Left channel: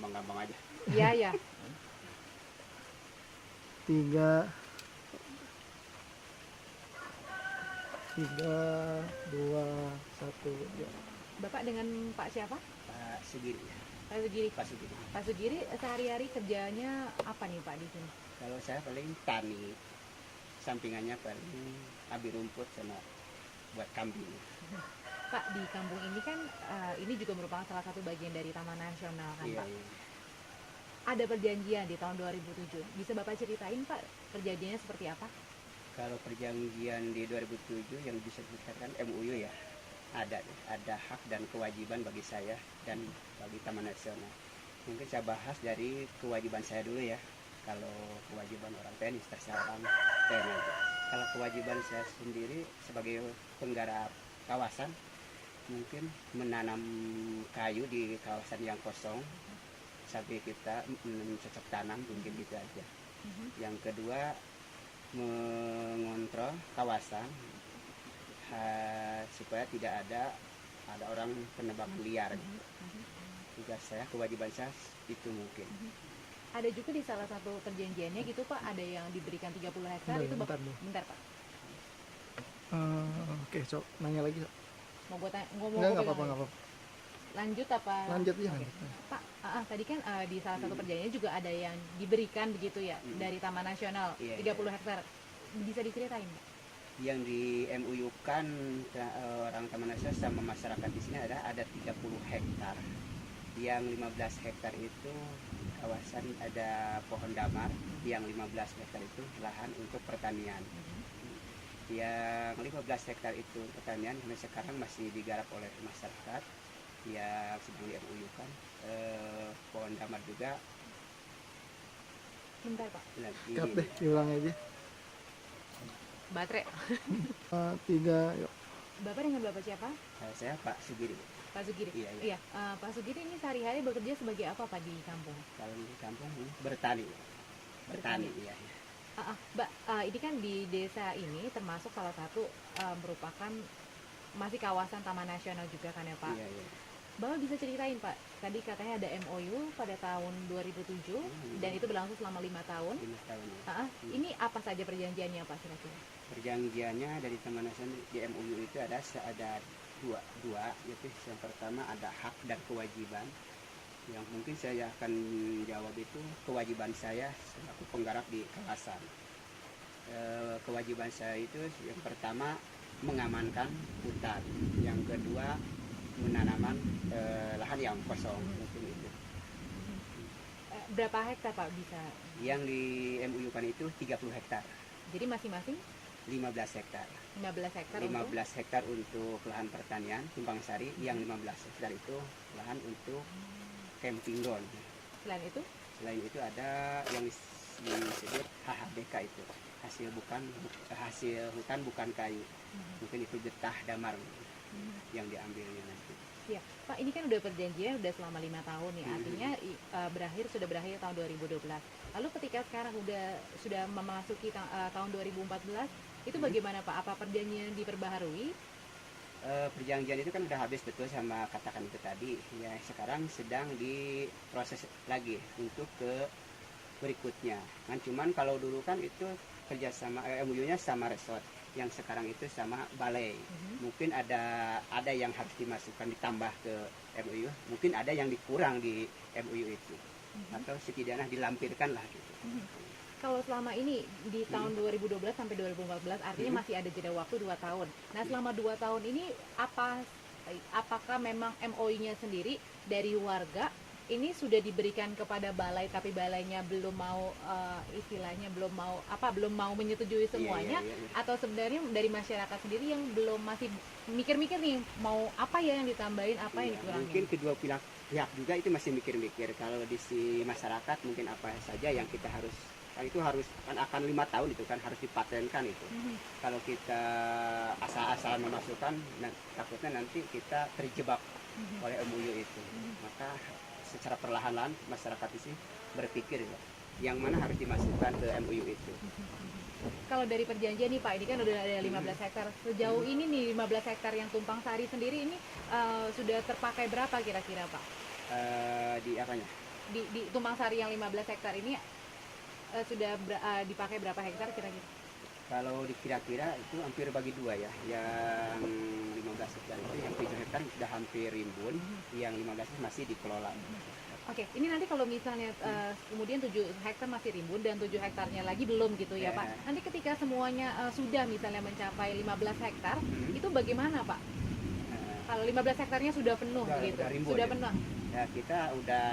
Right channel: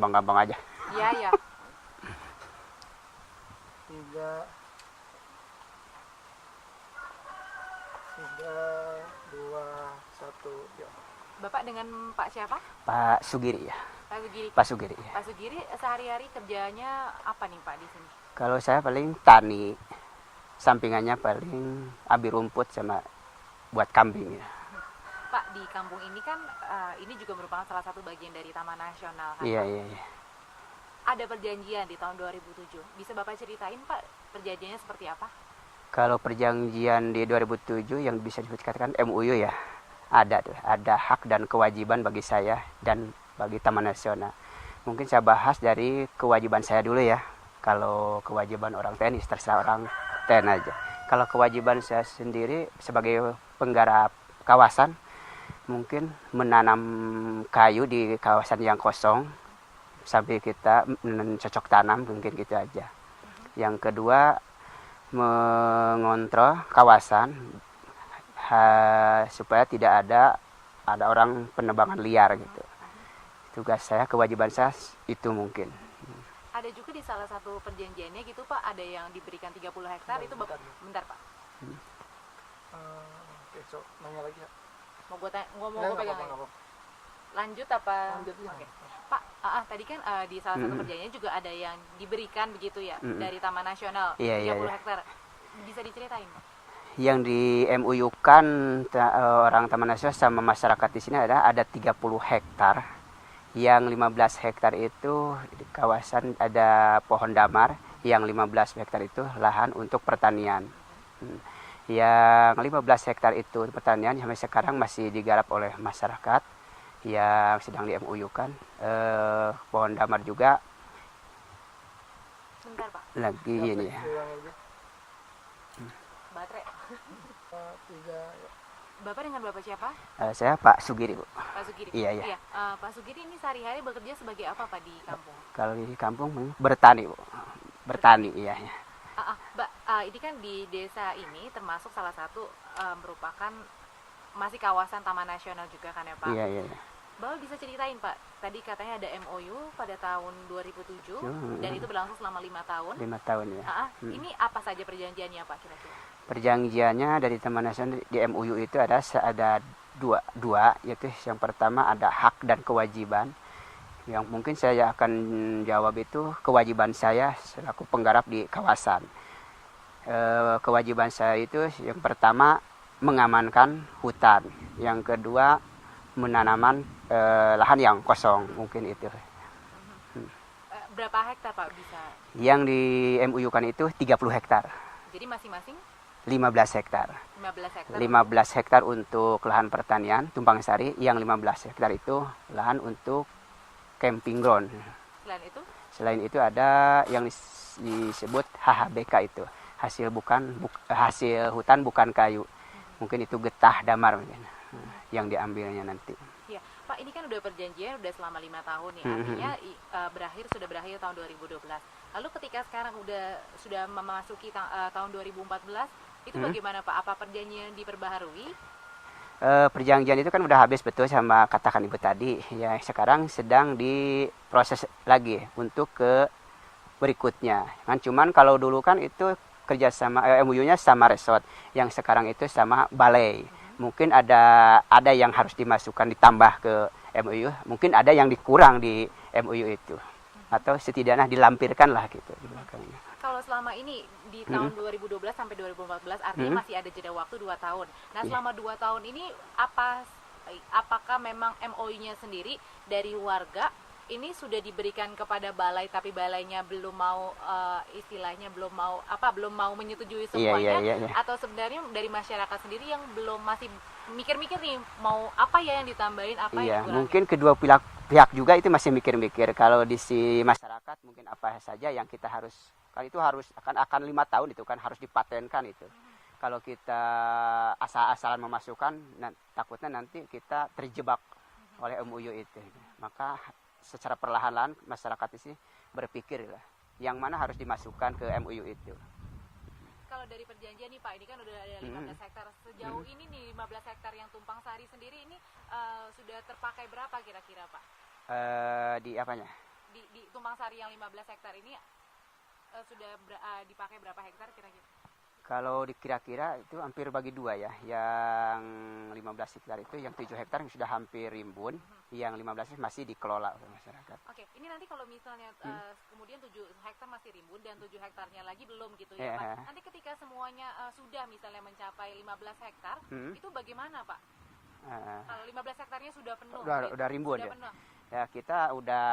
gampang-gampang aja. Iya, ya. 3, 2, 1, yuk. Bapak dengan Pak siapa? Pak Sugiri ya. Pak Sugiri. Pak Sugiri ya. Pak Sugiri sehari-hari kerjanya apa nih Pak di sini? Kalau saya paling tani, sampingannya paling ambil rumput sama buat kambing ya. Pak, di kampung ini kan ini juga merupakan salah satu bagian dari Taman Nasional kan? Iya, Pak? iya, iya. Ada perjanjian di tahun 2007. Bisa Bapak ceritain Pak perjanjiannya seperti apa? Kalau perjanjian di 2007 yang bisa dikatakan MOU ya, ada tuh, ada hak dan kewajiban bagi saya dan bagi Taman Nasional. Mungkin saya bahas dari kewajiban saya dulu ya. Kalau kewajiban orang TNI terserah orang TNI aja. Kalau kewajiban saya sendiri sebagai penggarap kawasan, mungkin menanam kayu di kawasan yang kosong sampai kita mencocok tanam, mungkin gitu aja. Yang kedua, mengontrol kawasan supaya tidak ada orang penebangan liar gitu. Tugas saya, kewajiban saya itu mungkin. Ada juga di salah satu perjanjiannya gitu Pak, ada yang diberikan 30 hektar itu Bapak. Bentar Pak. Oke, Cok, nanya lagi. Mau gue Nggak pegang apa-apa, lagi? nggak apa-apa. Lanjut apa? Lanjut ya. Oke. Pak, tadi kan di salah satu perjanjiannya juga ada yang diberikan begitu ya dari Taman Nasional, Iya, 30 iya. hektar. Bisa diceritain Pak? Yang di MUU kan orang Taman Nasional sama masyarakat di sini ada 30 hektar. Yang 15 hektar itu di kawasan ada pohon damar, yang 15 hektar itu lahan untuk pertanian. Yang 15 hektar itu pertanian sampai sekarang masih digarap oleh masyarakat yang sedang di MUU kan. Pohon damar juga Bentar Pak. lagi Capek, ini ya. ulang aja. Baterai. 3, yuk. Bapak dengan Bapak siapa? Saya Pak Sugiri, Bu. Pak Sugiri. Iya, iya. Pak Sugiri ini sehari-hari bekerja sebagai apa Pak di kampung? Kalau di kampung bertani, Bu. Bertani, iya. Ya. Mbak, ini kan di desa ini termasuk salah satu merupakan masih kawasan Taman Nasional juga kan ya Pak? Iya, iya. Bapak bisa ceritain Pak, tadi katanya ada MOU pada tahun 2007 dan itu berlangsung selama 5 tahun. 5 tahun ya. Ini apa saja perjanjiannya Pak kira-kira? Perjanjiannya dari Taman Nasional di MUU itu ada dua, yaitu yang pertama ada hak dan kewajiban. Yang mungkin saya akan jawab itu kewajiban saya selaku penggarap di kawasan. Kewajiban saya itu yang pertama mengamankan hutan, yang kedua menanaman lahan yang kosong, mungkin itu. Berapa hektar Pak bisa? Yang di MUU kan itu 30 hektar. Jadi masing-masing 15 hektar. 15 hektar. 15 hektar untuk lahan pertanian tumpang sari, yang 15 hektar itu lahan untuk camping ground. Selain itu? Selain itu ada yang disebut HHBK itu, hasil hutan bukan kayu. Mungkin itu getah damar mungkin yang diambilnya nanti. Ya, Pak, ini kan udah perjanjian udah selama 5 tahun ya. Artinya sudah berakhir tahun 2012. Lalu ketika sekarang sudah memasuki tahun 2014, itu bagaimana Pak? Apa perjanjian diperbaharui? Perjanjian itu kan udah habis, betul sama katakan Ibu tadi. Ya, sekarang sedang diproses lagi untuk ke berikutnya. Kan cuman kalau dulu kan itu kerjasama MUU-nya sama resort, yang sekarang itu sama balai. Mungkin ada yang harus dimasukkan ditambah ke MUU, mungkin ada yang dikurang di MUU itu, atau setidaknya dilampirkan lah gitu. Kalau selama ini di tahun 2012 sampai 2014 artinya masih ada jeda waktu 2 tahun. Nah, selama 2 tahun ini apakah memang MOU-nya sendiri dari warga ini sudah diberikan kepada balai tapi balainya belum mau istilahnya belum mau menyetujui semuanya, iya. atau sebenarnya dari masyarakat sendiri yang masih mikir-mikir nih mau apa ya yang ditambahin, apa yang dikurangin? Mungkin kedua pihak juga itu masih mikir-mikir. Kalau di si masyarakat mungkin apa saja yang kita harus, kan itu harus akan 5 tahun itu kan harus dipatenkan itu. Kalau kita asal-asalan memasukkan, takutnya nanti kita terjebak oleh MUU itu. Maka secara perlahan-lahan masyarakat ini berpikir ya, yang mana harus dimasukkan ke MUU itu. Kalau dari perjanjian nih Pak, ini kan udah ada 15 hektar. Sejauh ini nih 15 hektar yang tumpang sari sendiri ini sudah terpakai berapa kira-kira Pak? Di apanya? di Tumpang Sari yang 15 hektar ini sudah dipakai berapa hektar kira-kira? Kalau kira-kira itu hampir bagi dua ya. Yang 15 hektar itu, yang 7 hektar sudah hampir rimbun, yang 15 itu masih dikelola. Oke, ini nanti kalau misalnya kemudian 7 hektar masih rimbun dan 7 hektarnya lagi belum gitu ya Pak. Nanti ketika semuanya sudah misalnya mencapai 15 hektar, itu bagaimana Pak? Kalau 15 hektarnya sudah penuh gitu, udah rimbun, sudah ya. penuh. Ya, kita udah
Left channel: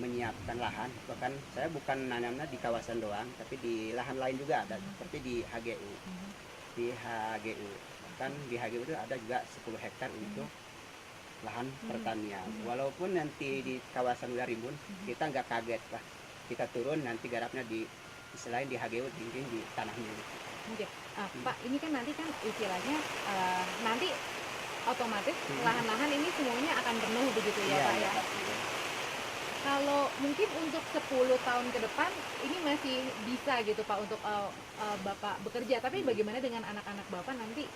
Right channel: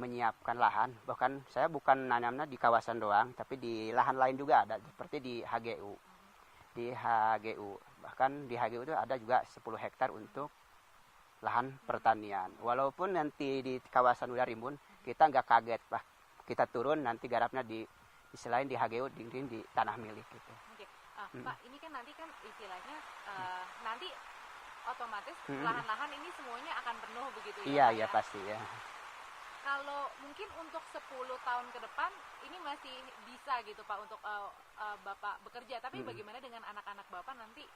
menyiapkan lahan. Bahkan saya bukan nanamnya di kawasan doang, tapi di lahan lain juga ada, seperti di HGU. Di HGU. Bahkan di HGU itu ada juga 10 hektar untuk lahan pertanian. Walaupun nanti di kawasan udah rimbun, kita nggak kaget, Pak. Kita turun nanti garapnya selain di HGU, di tanah milik. Oke. Pak, ini kan nanti kan istilahnya nanti otomatis lahan-lahan ini semuanya akan penuh begitu ya Pak Iya, ya? pasti ya. Kalau mungkin untuk 10 tahun ke depan ini masih bisa gitu Pak untuk Bapak bekerja, tapi bagaimana dengan anak-anak Bapak nanti?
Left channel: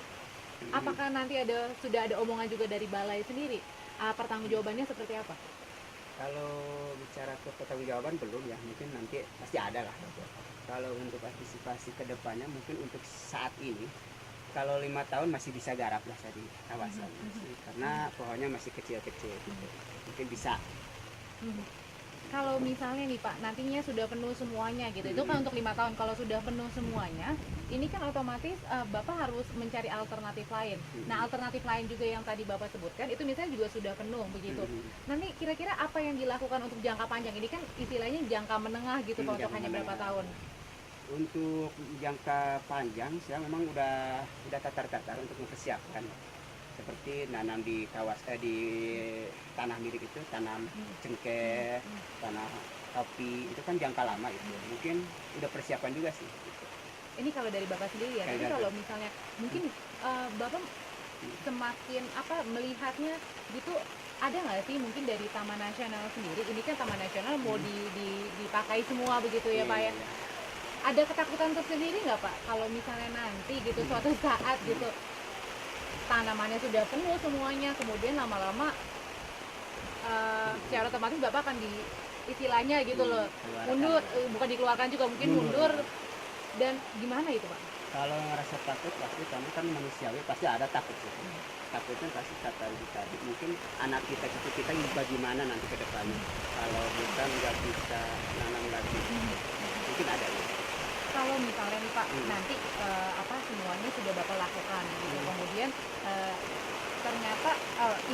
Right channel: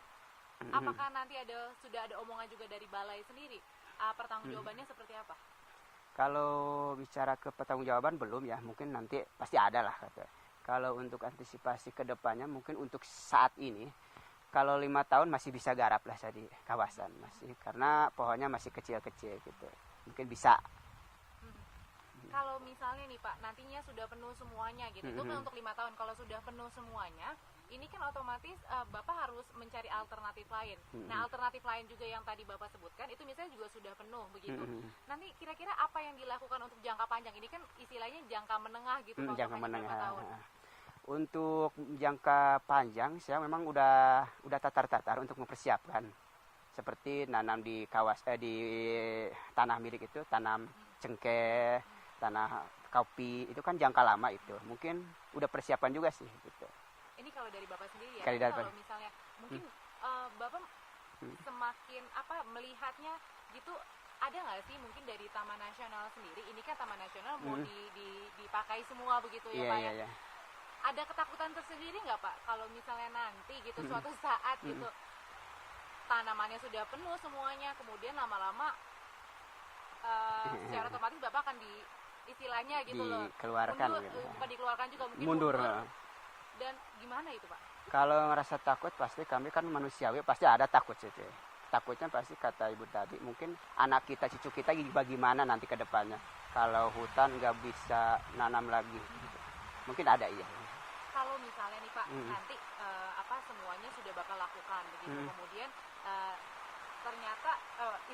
Apakah nanti sudah ada omongan juga dari balai sendiri? Pertanggungjawabannya seperti apa? Kalau bicara ke pertanggungjawaban belum ya, mungkin nanti pasti ada lah. Kalau untuk antisipasi ke depannya, mungkin untuk saat ini, kalau 5 tahun masih bisa garap lah di kawasan, karena pohonnya masih kecil-kecil gitu. Mungkin bisa. Kalau misalnya nih Pak, nantinya sudah penuh semuanya gitu, itu kan untuk 5 tahun. Kalau sudah penuh semuanya, ini kan otomatis Bapak harus mencari alternatif lain. Nah, alternatif lain juga yang tadi Bapak sebutkan, itu misalnya juga sudah penuh begitu. Nanti kira-kira apa yang dilakukan untuk jangka panjang? Ini kan istilahnya jangka menengah gitu Pak, untuk hanya berapa tahun? Untuk jangka panjang, saya memang udah tatar-tatar untuk mempersiapkan. Seperti nanam di di tanah milik itu, tanam cengkeh, tanah kopi, itu kan jangka lama itu. Mungkin udah persiapan juga sih. Gitu. Ini kalau dari Bapak sendiri ya, tapi kalau misalnya mungkin Bapak semakin melihatnya gitu, ada nggak sih mungkin dari Taman Nasional sendiri, ini kan Taman Nasional mau dipakai semua begitu ya Pak ya? Ada ketakutan tersendiri nggak Pak kalau misalnya nanti gitu suatu saat gitu tanamannya sudah penuh semuanya, kemudian lama-lama secara otomatis Bapak akan istilahnya gitu loh mundur, bukan dikeluarkan juga, mungkin mundur. Dan gimana itu Pak? Kalau ngerasa takut pasti, kami kan manusiawi, pasti ada takut sih. Takutnya pasti kata ibu tadi, mungkin anak kita, cucu kita bagaimana nanti ke depannya kalau hutan nggak bisa nanam lagi, mungkin ada gitu. Kalau misalnya nih Pak, nanti semuanya sudah Bapak lakukan gitu, kemudian ternyata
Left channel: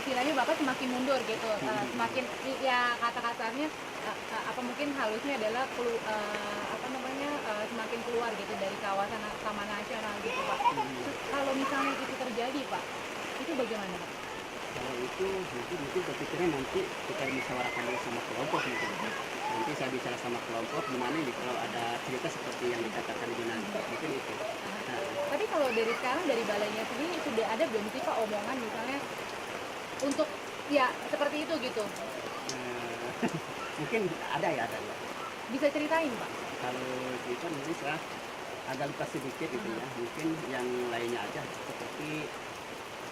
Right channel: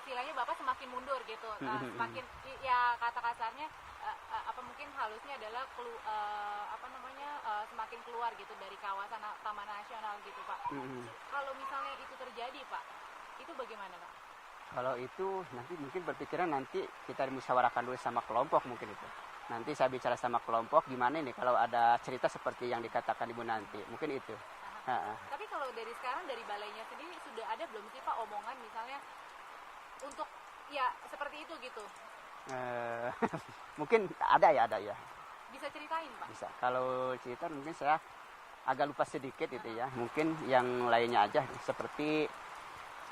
istilahnya Bapak semakin mundur gitu, semakin ya kata-katanya mungkin halusnya adalah semakin keluar gitu dari kawasan Taman Nasional gitu Pak. Kalau misalnya itu terjadi Pak, itu bagaimana Pak? Kalau itu mungkin berpikiran nanti kita musyawarahkan dulu sama kelompok mungkin. Nanti saya bicara sama kelompok gimana nih kalau ada cerita seperti yang dikatakan Ibu nanti, mungkin itu. Nah. Tapi kalau dari sekarang dari balainya sendiri sudah ada belum sih Pak omongan misalnya untuk ya seperti itu gitu? Mungkin ada ya. Bisa ceritain Pak? Kalau cerita mungkin saya agak lupa sedikit gitu ya. Mungkin yang lainnya aja seperti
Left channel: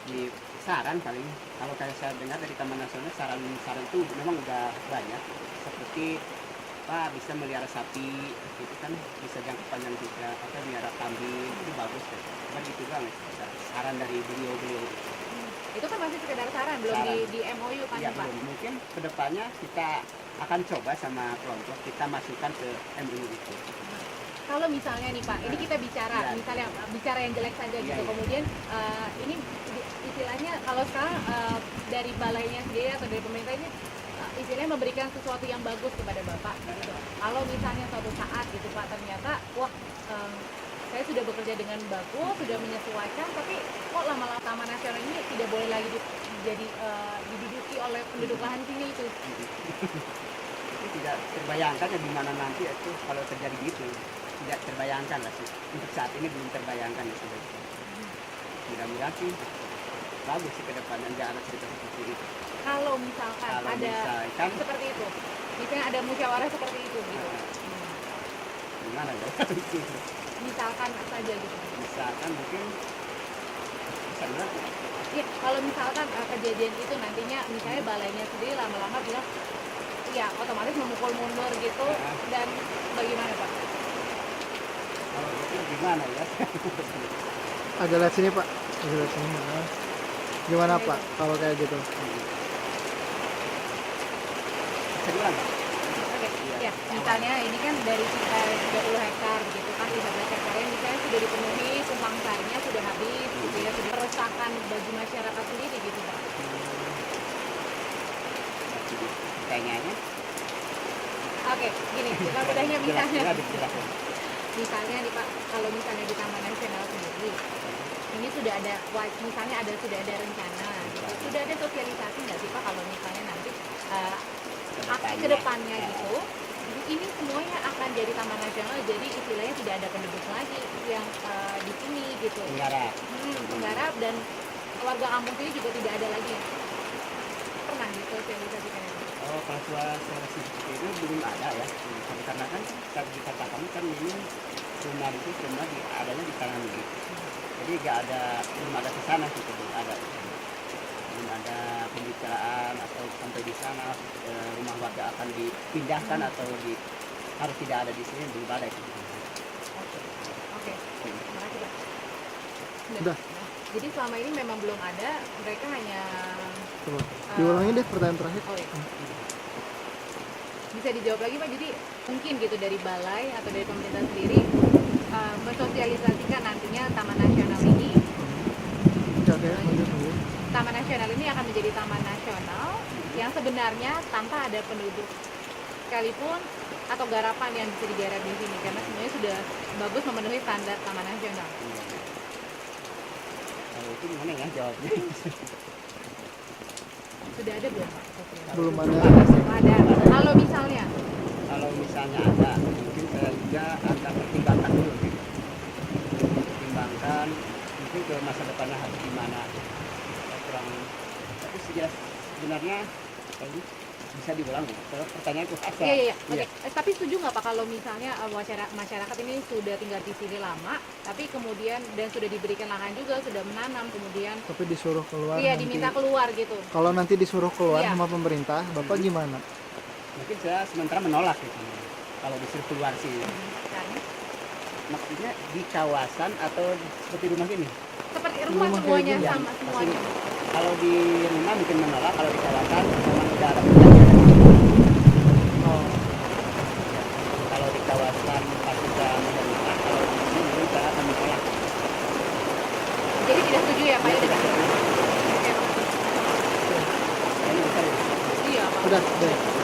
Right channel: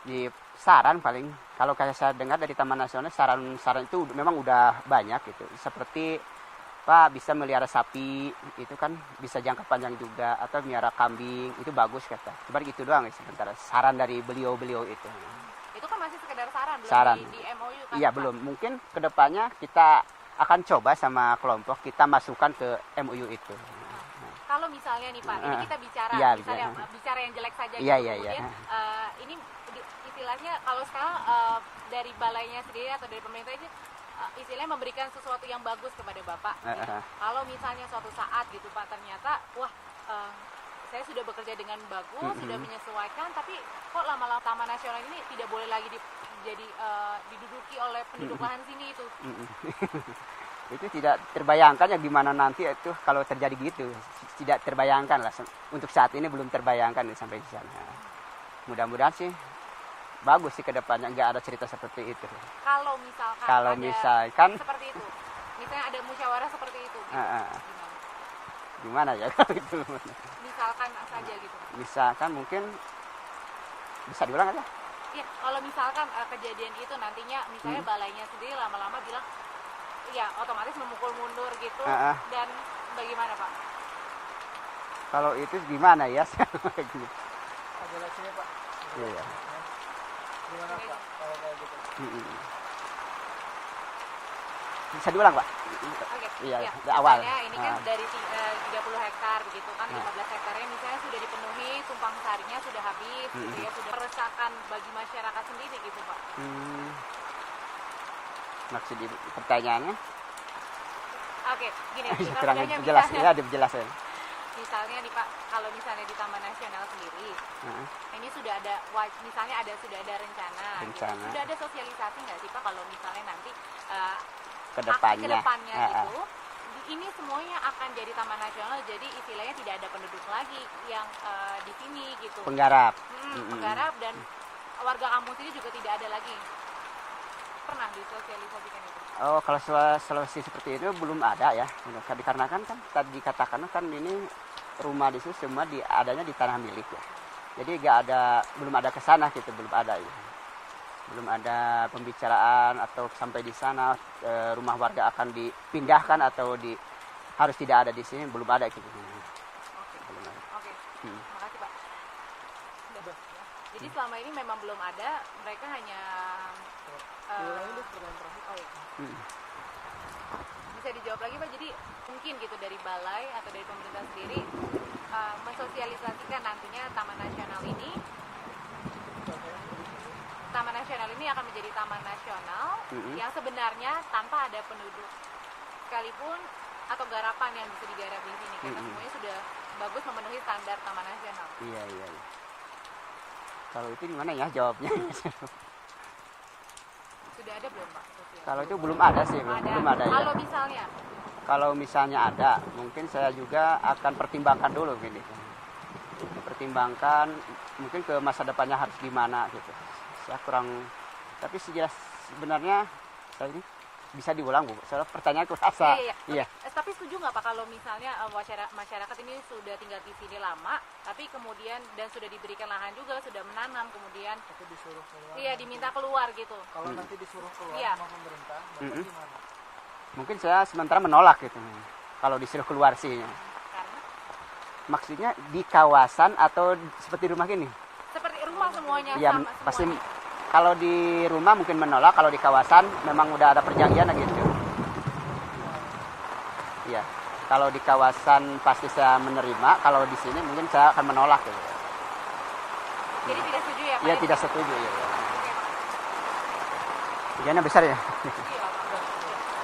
di saran paling, kalau kayak saya dengar dari Taman Nasional, saran itu memang udah banyak gitu. Seperti Pak bisa melihara sapi, itu kan bisa jangka panjang juga, atau melihara kambing, itu bagus kata. Cuma gitu doang saran dari beliau-beliau itu. Itu kan masih sekedar saran, belum saran. Di MOU kan Iya, Pak? belum. Mungkin kedepannya kita akan coba sama kelompok, kita masukkan ke MOU itu. Kalau misalnya nih Pak, ini kita bicara, misalnya bicara yang jelek saja gitu, kemudian ini istilahnya kalau sekarang dari balainya sendiri atau dari pemerintah ini istilahnya memberikan sesuatu yang bagus kepada Bapak. Kalau misalnya suatu saat gitu Pak, ternyata wah saya sudah bekerja dengan bagus, sudah menyesuaikan, tapi kok lama-lama Taman Nasional ini tidak boleh lagi diduduki oleh penduduk lahan sini itu. Itu tidak terbayangkan ya gimana nanti itu kalau terjadi gitu. Tidak terbayangkan lah, untuk saat ini belum terbayangkan ya sampai di sana. Mudah-mudahan sih bagus sih ke depannya, nggak ada cerita seperti itu. Kalau misalkan seperti itu, misalnya ada musyawarah seperti itu gitu. Gimana ya itu? Misalkan saja gitu. Misalkan mungkin bisa diulang aja. Iya, kalau misalkan kejadian itu nantinya misalnya balainya sendiri lama-lama bilang ya otomatis memukul mundur gitu Ah. dan bagaimana Pak? Kalau itu gimana ya? Agak lihat sini Pak. Agak lihat sini. Maaf. Gimana Pak kalau kayak gitu? Bisa diulang Pak? Oke, Iya, ya, ke awal. misalnya ini kan dari 30 hektar begitu kan 13 hektar yang misalnya sudah dipenuhi, tumpang sarinya sudah habis, gitu ya, sudah meresahkan bagi masyarakat sendiri gitu Pak. Masih di pertanyaannya? Oke, gini, kita Jelasin, mudahnya jelasin misalnya, aja, jelasin. misalnya nih Pak, kalau misalnya di Taman Nasional sendiri, ini sudah ada, misalnya sudah ada rencana, Rencana. sudah ada sosialisasi nggak sih Pak kalau misalnya nanti Kedepannya. kedepannya gitu, ini semuanya akan jadi taman nasional, jadi istilahnya tidak ada penduduk lagi yang di sini gitu, Penggarap. menggarap dan warga kampung ini juga tidak ada lagi. Pernah disosialisasikan itu? Oh, kalau solusi seperti itu belum ada ya. Dikarenakan kan tadi dikatakan kan ini rumah di sini semua adanya di tanah milik. Jadi belum ada kesana gitu, belum ada. Belum ada pembicaraan atau sampai di sana rumah warga akan dipindahkan atau harus tidak ada di sini, belum ada gitu. Oke. Makasih, Pak. Udah. Jadi selama ini memang belum ada, mereka hanya Coba. Diulangi deh pertanyaan terakhir. oh ya. Bisa dijawab lagi Pak, jadi mungkin gitu dari balai atau dari pemerintah sendiri mensosialisasikan nantinya Taman Nasional ini, Oke, lanjut. Taman Nasional ini akan menjadi taman nasional yang sebenarnya tanpa ada penduduk sekalipun atau garapan yang bisa digarap di sini karena semuanya sudah bagus memenuhi standar Taman Nasional. Kalau itu gimana ya jawabnya? Sudah ada belum Pak? sosialisasi? Kalau Belum itu belum ada. ada sih. Ada. Belum ada. Kalau misalnya Kalau misalnya ada, mungkin saya juga akan pertimbangkan dulu gitu. Pertimbangkan mungkin ke masa depannya harus gimana gitu. Ya, kurang, tapi sebenarnya tadi bisa diulang Bu. Soalnya pertanyaan itu asal. Iya. Oke. Tapi setuju nggak Pak kalau misalnya masyarakat ini sudah tinggal di sini lama, tapi kemudian dan sudah diberikan lahan juga, sudah menanam, kemudian Tapi disuruh keluar. iya nanti. diminta keluar gitu. Kalau nanti disuruh keluar Iya. sama pemerintah, Bapak gimana? Mungkin saya sementara menolak gitu. Kalau disuruh keluar sih. Karena Maksudnya di kawasan atau seperti rumah gini? seperti rumah Rumah semuanya Iya, sama pasti. semuanya. Kalau di rumah mungkin menolak, kalau di kawasan memang udah ada perjanjian gitu. Oh, Iya. Kalau di kawasan pasti saya menerima, kalau di sini mungkin saya akan menolak. Jadi tidak setuju ya Pak? Dia ya? tidak setuju. Oke Pak. Karena besar ya. Iya Pak. udah deh.